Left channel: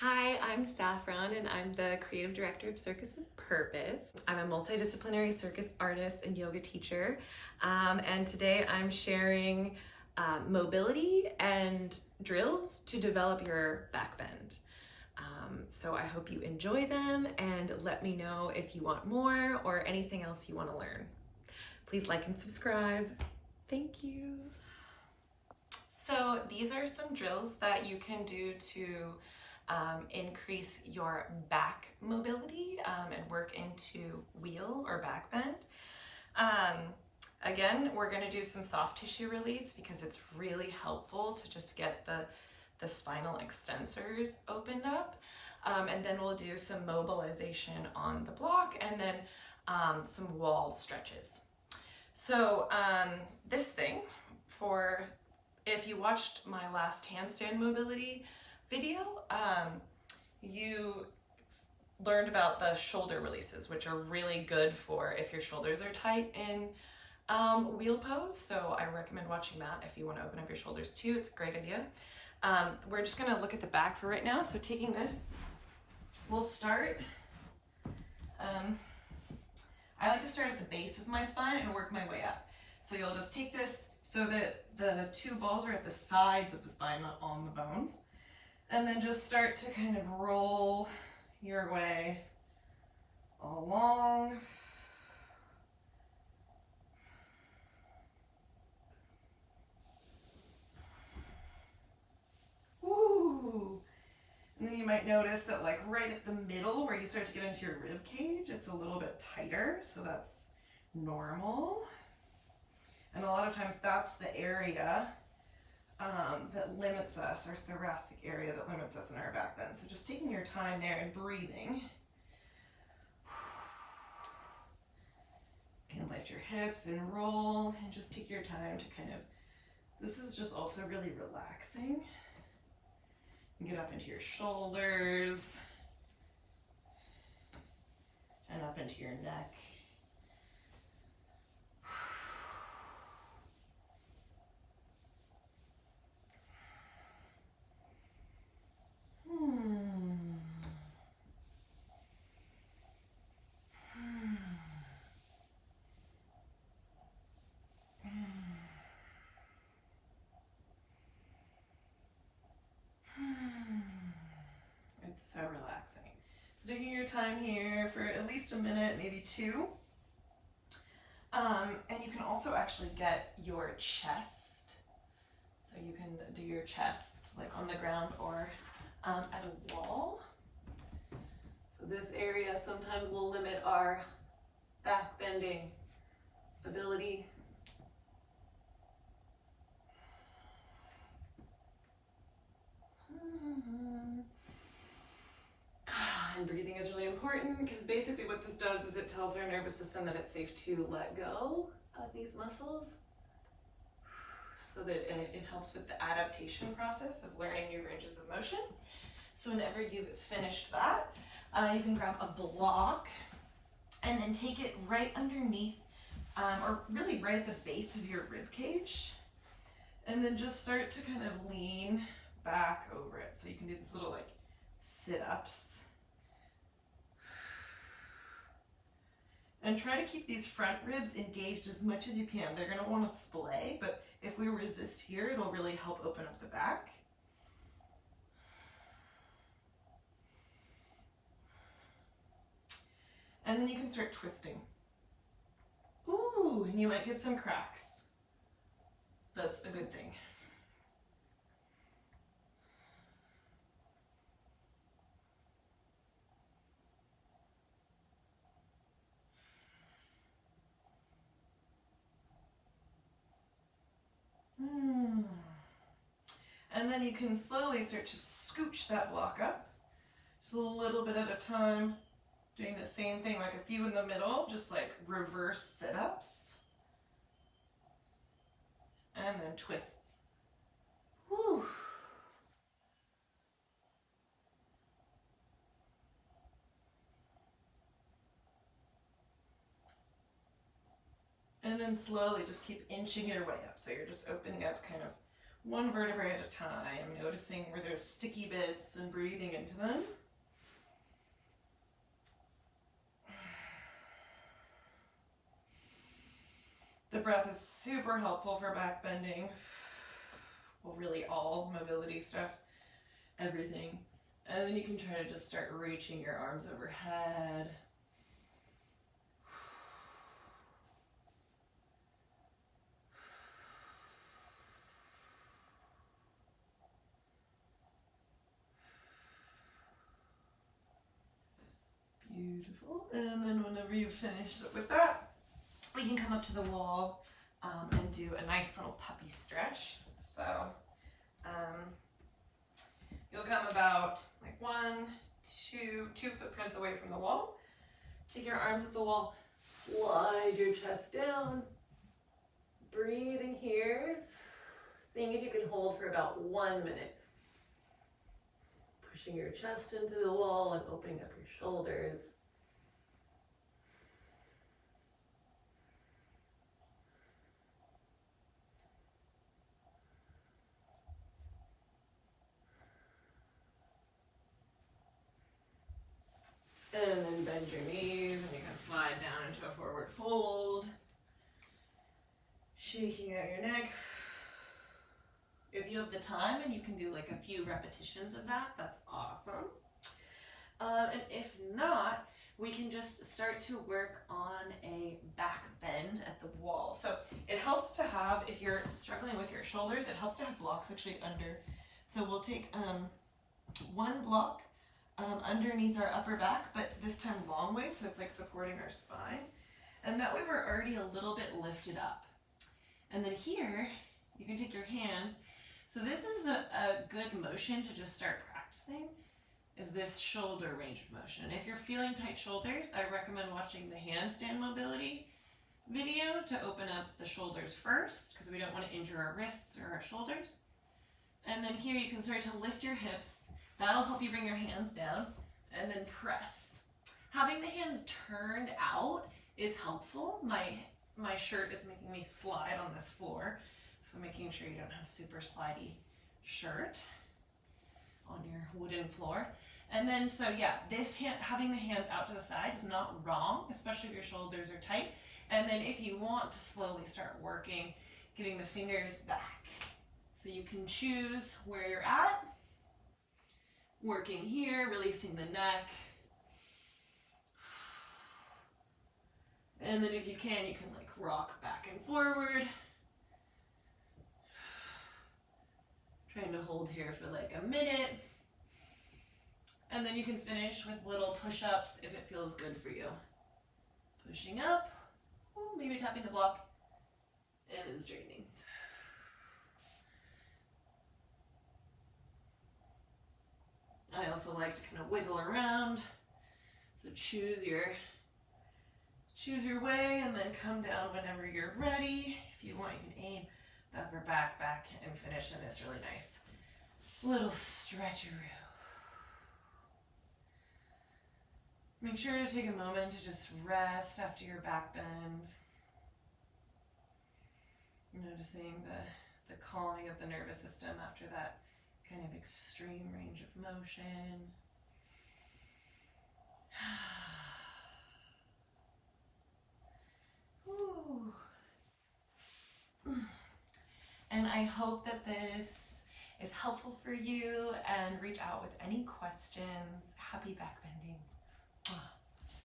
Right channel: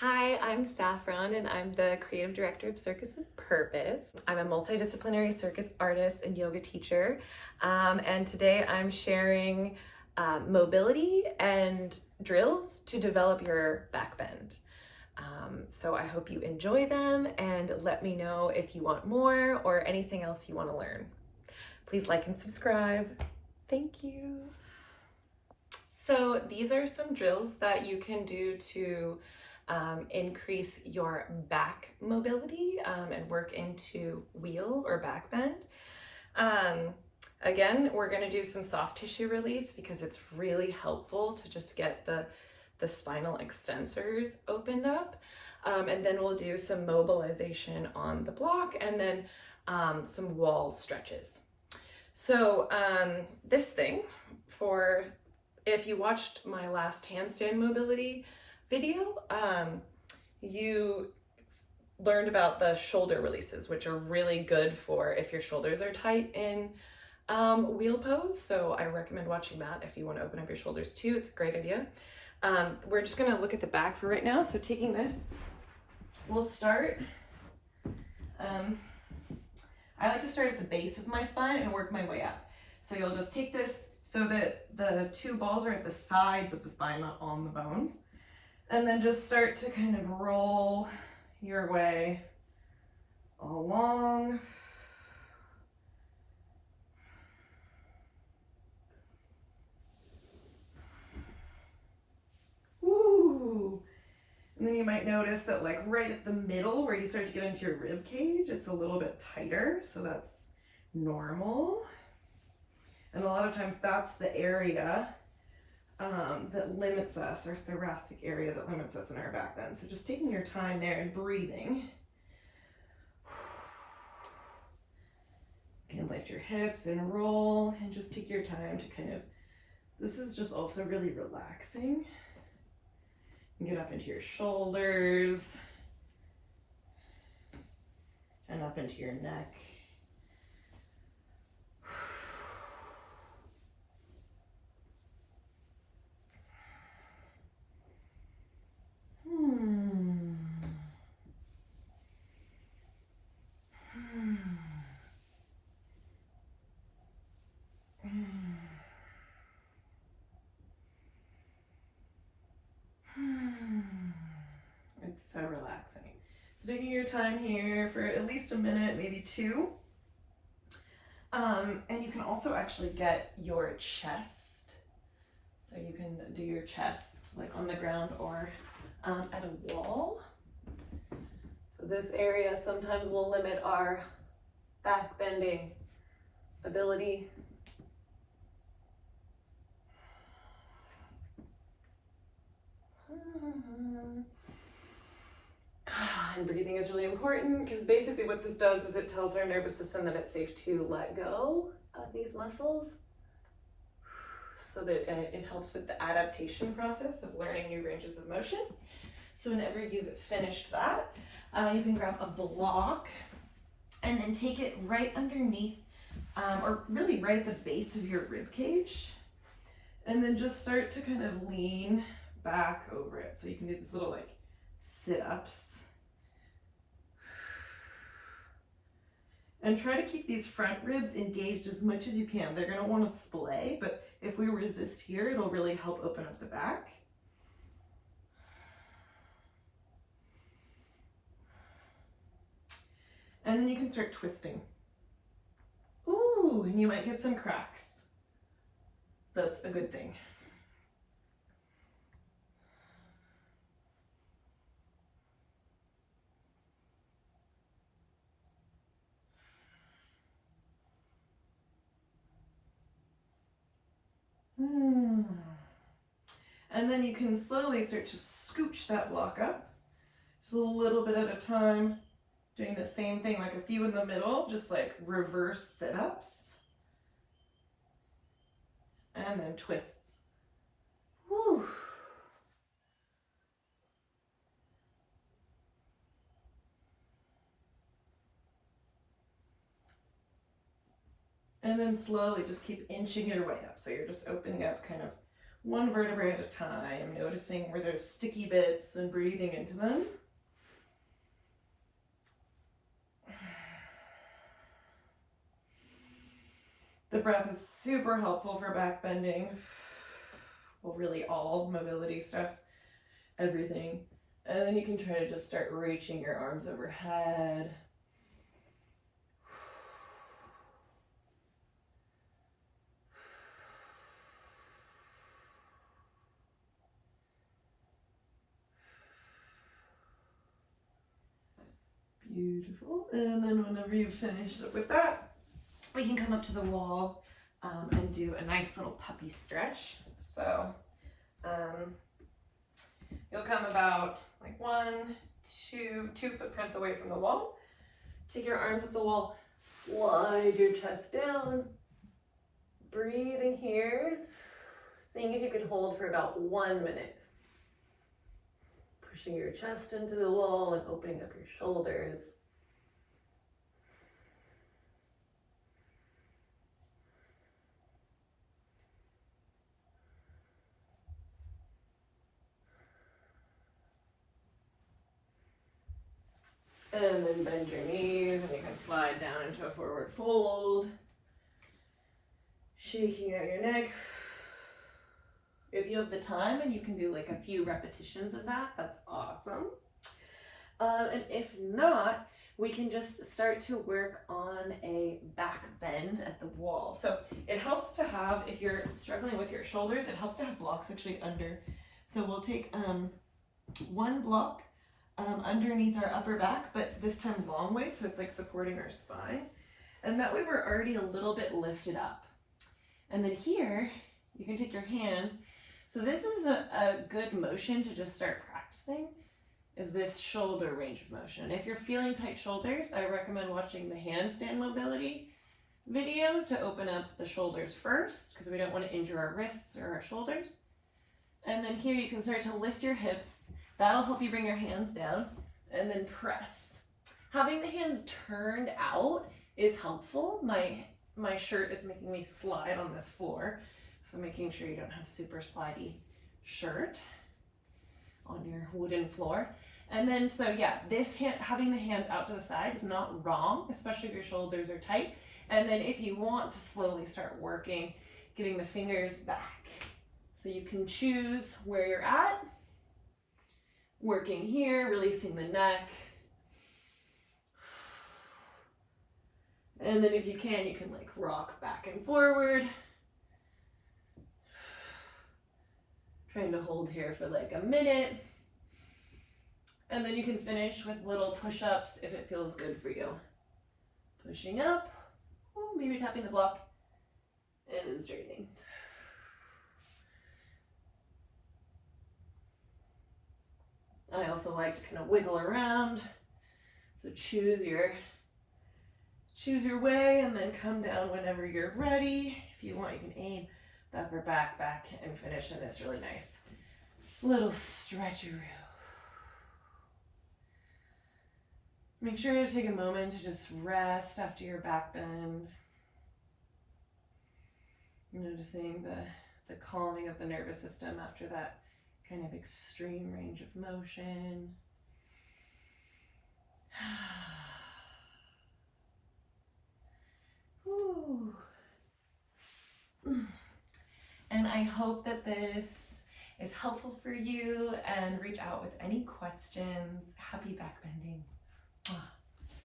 Hi, I'm Saffron and I'm the creative director of Circus with Purpose. I'm a multidisciplinary circus artist and yoga teacher, and today I'm sharing mobility and drills to develop your back bend. So I hope you enjoy them and let me know if you want more or anything else you want to learn. Please like and subscribe. Thank you. So these are some drills that you can do to increase your back mobility and work into wheel or back bend. Again, we're going to do some soft tissue release because it's really helpful to just get the spinal extensors opened up. And then we'll do some mobilization on the block and then some wall stretches. So this thing, if you watched my last handstand mobility video, you learned about the shoulder releases, which are really good for if your shoulders are tight in wheel pose. So I recommend watching that if you want to open up your shoulders too. It's a great idea. We're just going to look at the back for right now. So taking this, we'll start. I like to start at the base of my spine and work my way up. So you'll just take this so that the two balls are at the sides of the spine, not on the bones. And then just start to kind of roll your way along. Woo! And then you might notice that like right at the middle where you start to get into your rib cage, it's a little bit tighter, so that's normal. And a lot of times that's the area that limits us, or thoracic area that limits us in our back bend. So just taking your time there and breathing. You can lift your hips and roll and just take your time to kind of, this is just also really relaxing. And get up into your shoulders and up into your neck. It's so relaxing. So taking your time here for at least a minute, maybe two. And you can also actually get your chest. So you can do your chest like on the ground or at a wall. So this area sometimes will limit our back bending ability. And breathing is really important because basically what this does is it tells our nervous system that it's safe to let go of these muscles so that it helps with the adaptation process of learning new ranges of motion. So whenever you've finished that, you can grab a block and then take it right underneath or really right at the base of your rib cage, and then just start to kind of lean back over it. So you can do these little like sit-ups. And try to keep these front ribs engaged as much as you can. They're going to want to splay, but if we resist here, it'll really help open up the back. And then you can start twisting. Ooh, and you might get some cracks. That's a good thing. And then you can slowly start to scooch that block up, just a little bit at a time, doing the same thing, like a few in the middle, just like reverse sit-ups, and then twists. Whew. And then slowly just keep inching your way up. So you're just opening up kind of one vertebrae at a time, noticing where there's sticky bits and breathing into them. The breath is super helpful for back bending. Well, really all mobility stuff, everything. And then you can try to just start reaching your arms overhead. Beautiful. And then whenever you've finished up with that, we can come up to the wall and do a nice little puppy stretch. So you'll come about like 2 footprints away from the wall. Take your arms at the wall, slide your chest down, breathing here, seeing if you can hold for about 1 minute. Pushing your chest into the wall and opening up your shoulders. And then bend your knees and you can slide down into a forward fold. Shaking out your neck. If you have the time and you can do like a few repetitions of that, that's awesome. And if not, we can just start to work on a back bend at the wall. So it helps to have, if you're struggling with your shoulders, it helps to have blocks actually under. So we'll take 1 block underneath our upper back, but this time long way, so it's like supporting our spine. And that way we're already a little bit lifted up. And then here, you can take your hands. So this is a good motion to just start practicing, is this shoulder range of motion. If you're feeling tight shoulders, I recommend watching the handstand mobility video to open up the shoulders first, because we don't want to injure our wrists or our shoulders. And then here you can start to lift your hips. That'll help you bring your hands down and then press. Having the hands turned out is helpful. My shirt is making me slide on this floor, so making sure you don't have super slidey shirt on your wooden floor. And then, so yeah, having the hands out to the side is not wrong, especially if your shoulders are tight. And then if you want to slowly start working, getting the fingers back. So you can choose where you're at. Working here, releasing the neck. And then if you can like rock back and forward. Trying to hold here for like a minute. And then you can finish with little push-ups if it feels good for you. Pushing up, maybe tapping the block, and then straightening. I also like to kind of wiggle around. So choose your way and then come down whenever you're ready. If you want, you can aim the upper back and finish in this really nice little stretcheroo. Make sure to take a moment to just rest after your back bend. Noticing the calming of the nervous system after that kind of extreme range of motion. And I hope that this is helpful for you, and reach out with any questions. Happy back bending.